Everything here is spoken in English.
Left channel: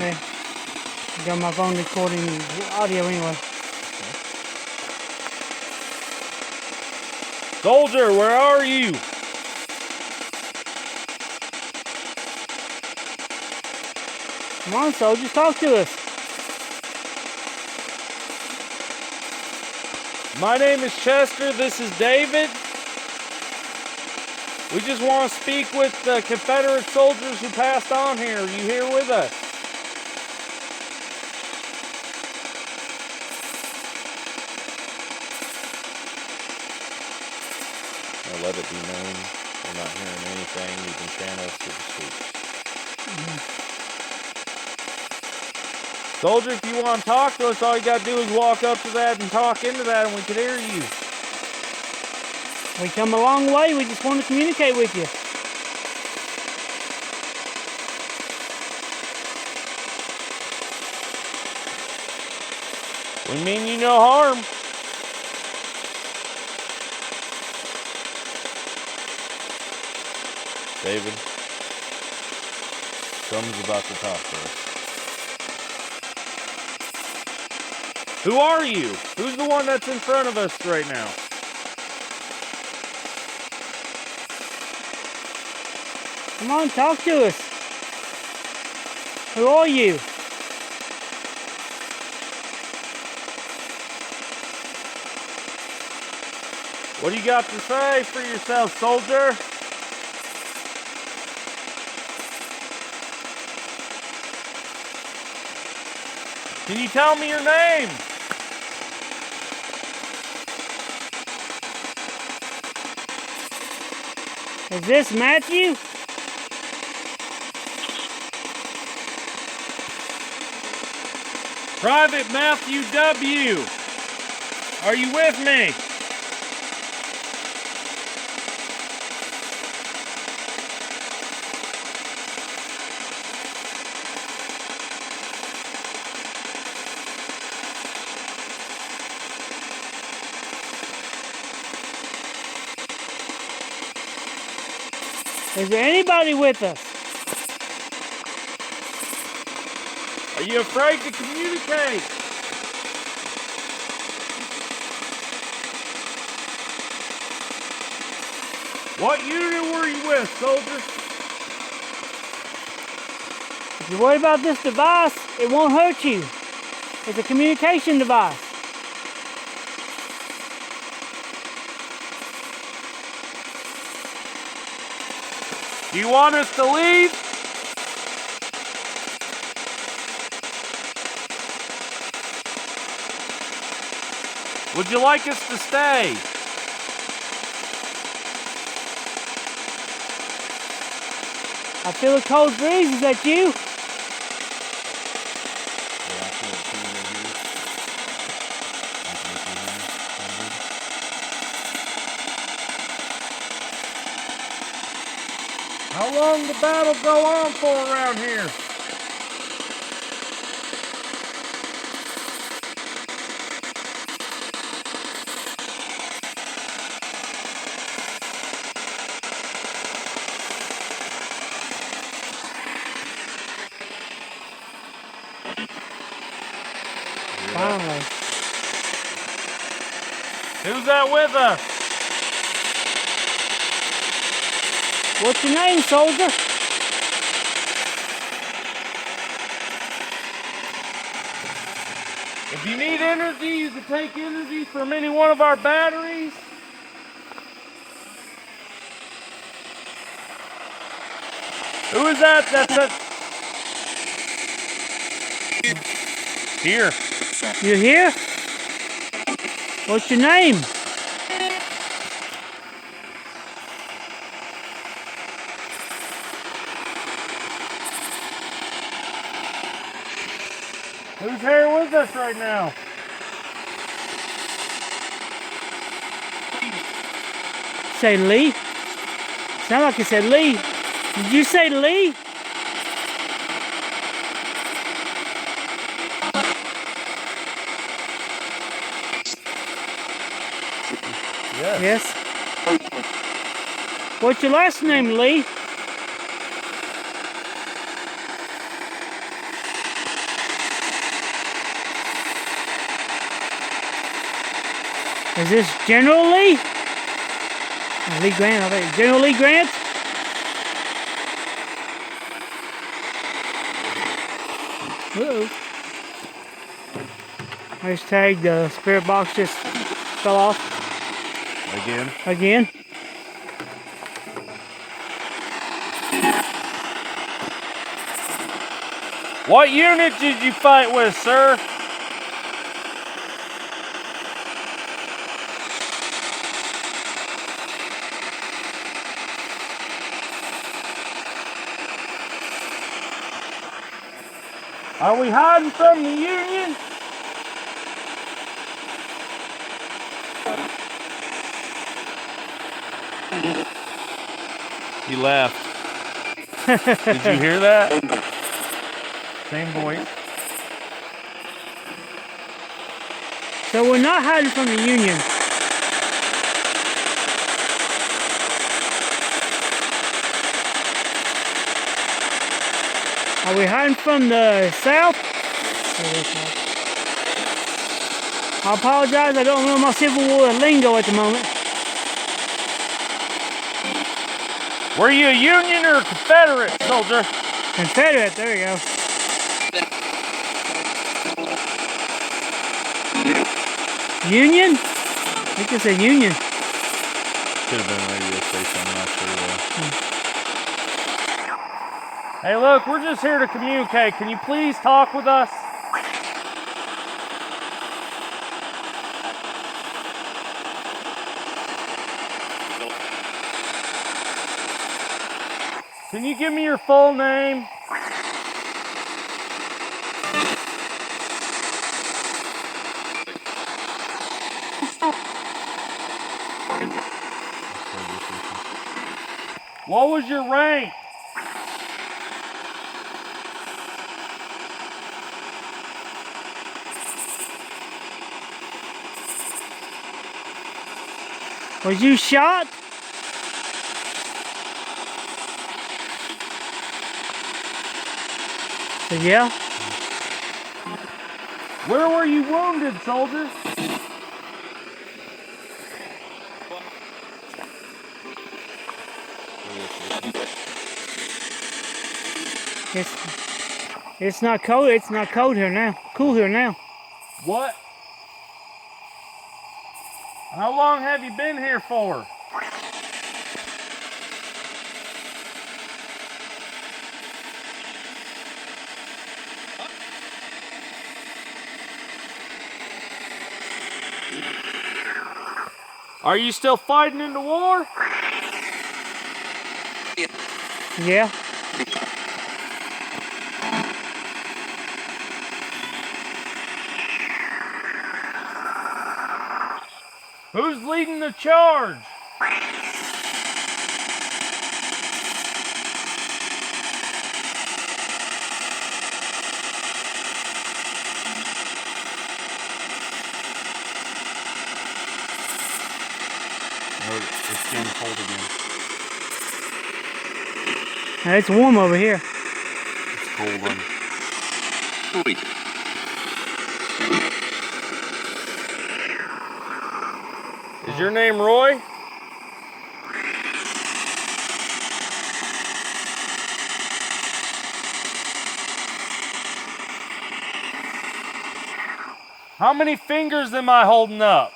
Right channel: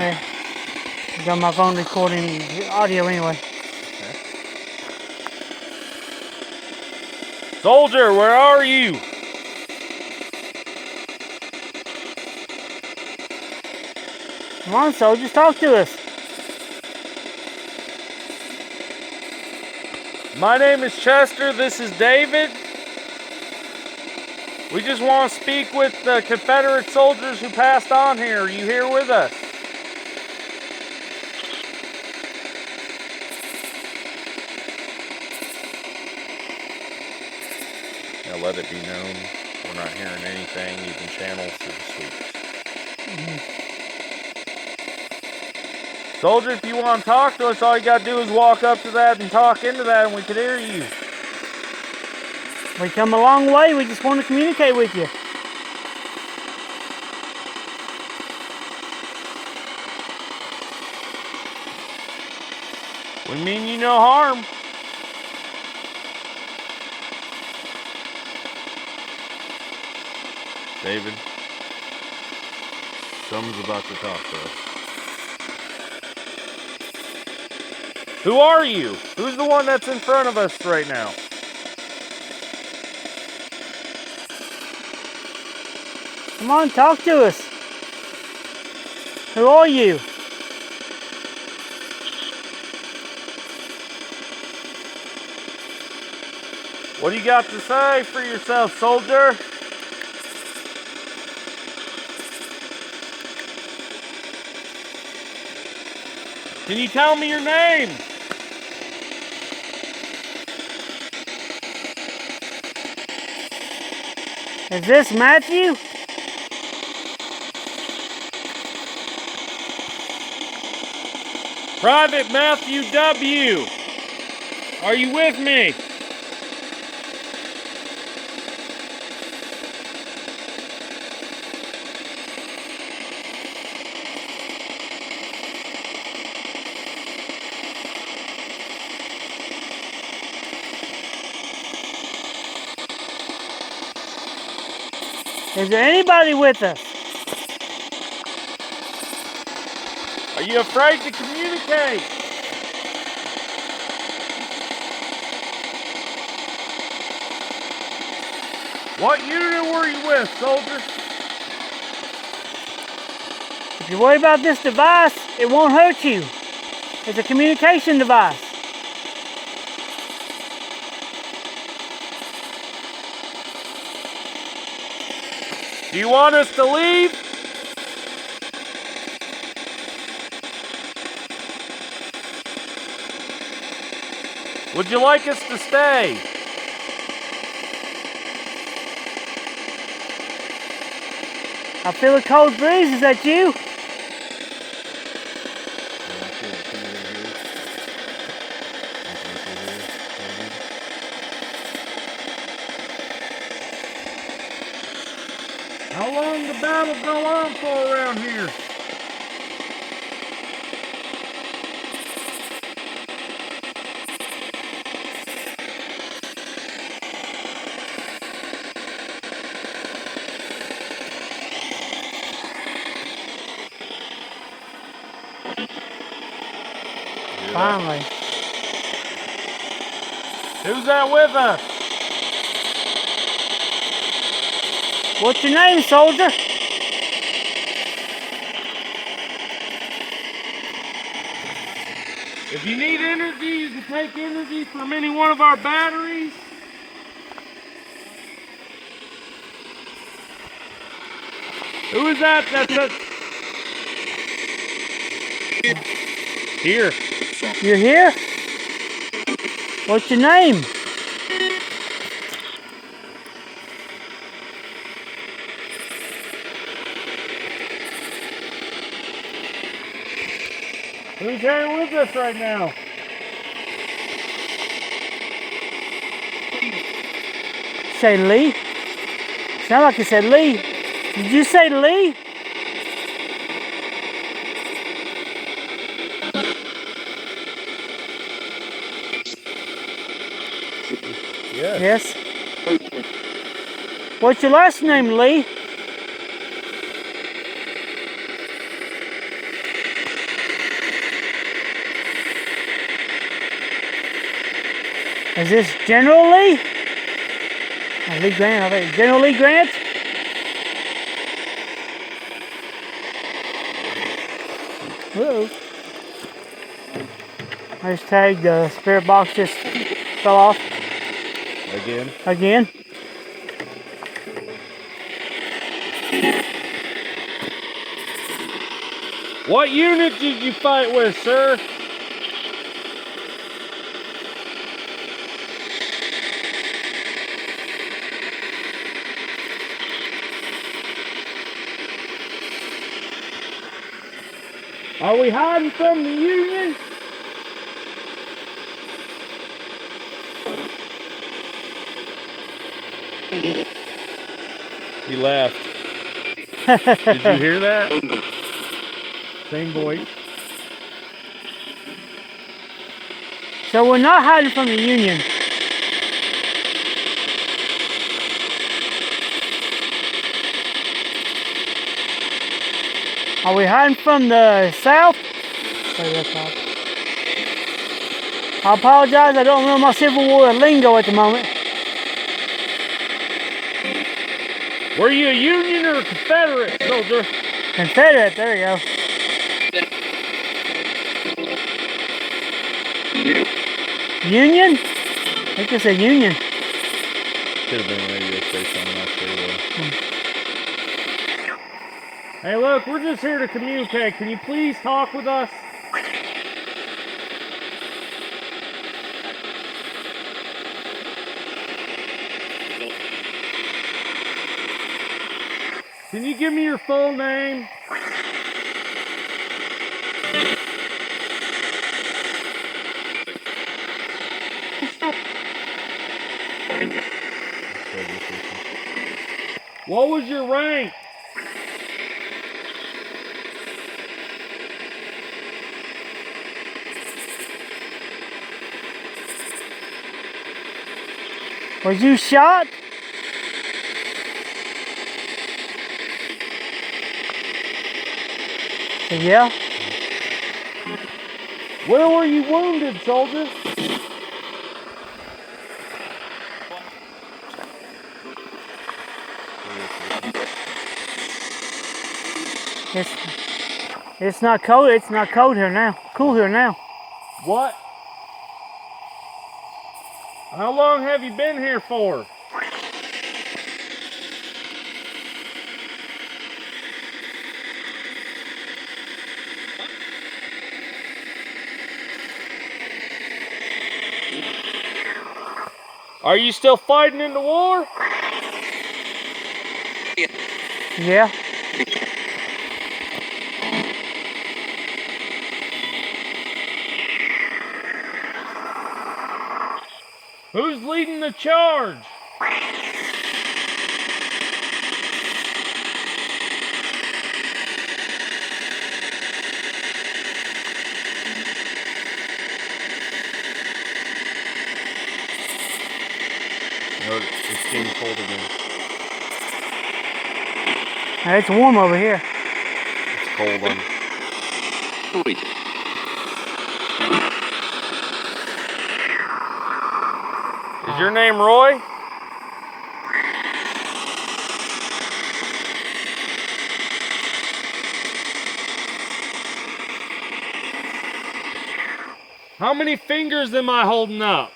Hey, I got my phone recording the audio anyway. Okay. Soldier, where are you? Come on, soldiers, talk to us. My name is Chester. This is David. We just want to speak with the Confederate soldiers who passed on here. Are you here with us? Now let it be known we're not hearing anything. You can channel to the sweeps. Soldier, if you want to talk to us, all you got to do is walk up to that and talk into that and we can hear you. We come a long way. We just want to communicate with you. We mean you no harm. David, someone's about to talk to us. Who are you? Who's the one that's in front of us right now? Come on, talk to us. Who are you? What do you got to say for yourself, soldier? Can you tell me your name? Is this Matthew? Private Matthew W. Are you with me? Is there anybody with us? Are you afraid to communicate? What unit were you with, soldier? If you worry about this device, it won't hurt you. It's a communication device. Do you want us to leave? Would you like us to stay? I feel a cold breeze. Is that you? How long the battle go on for around here? Finally. Who's that with us? What's your name, soldier? If you need energy, you can take energy from any one of our batteries. Who is that? Here. You here? What's your name? Who's here with us right now? Say Lee? Sound like you said Lee. Did you say Lee? Yes. What's your last name, Lee? Is this General Lee? Oh, Lee Grant, I think. General Lee Grant? Uh-oh. This tag, the spirit box just fell off Again? again. What unit did you fight with, sir? Are we hiding from the Union? He left. Did you hear that? Same voice. So we're not hiding from the Union. Are we hiding from the South? Sorry, that's odd. I apologize, I don't know my Civil War lingo at the moment. Were you a Union or a Confederate soldier? Confederate, there we go. Union? I think it's a Union. Could have been maybe a station in Hey, look, we're just here to communicate. Can you please talk with us? Can you give me your full name? What was your rank? Was you shot? Yeah. Where were you wounded, soldier? It's not cold. It's not cold here now. Cool here now. What? How long have you been here for? Are you still fighting in the war? Yeah. Who's leading the charge? No, it's getting cold again. It's warm over here. It's cold on. Is your name Roy? How many fingers am I holding up?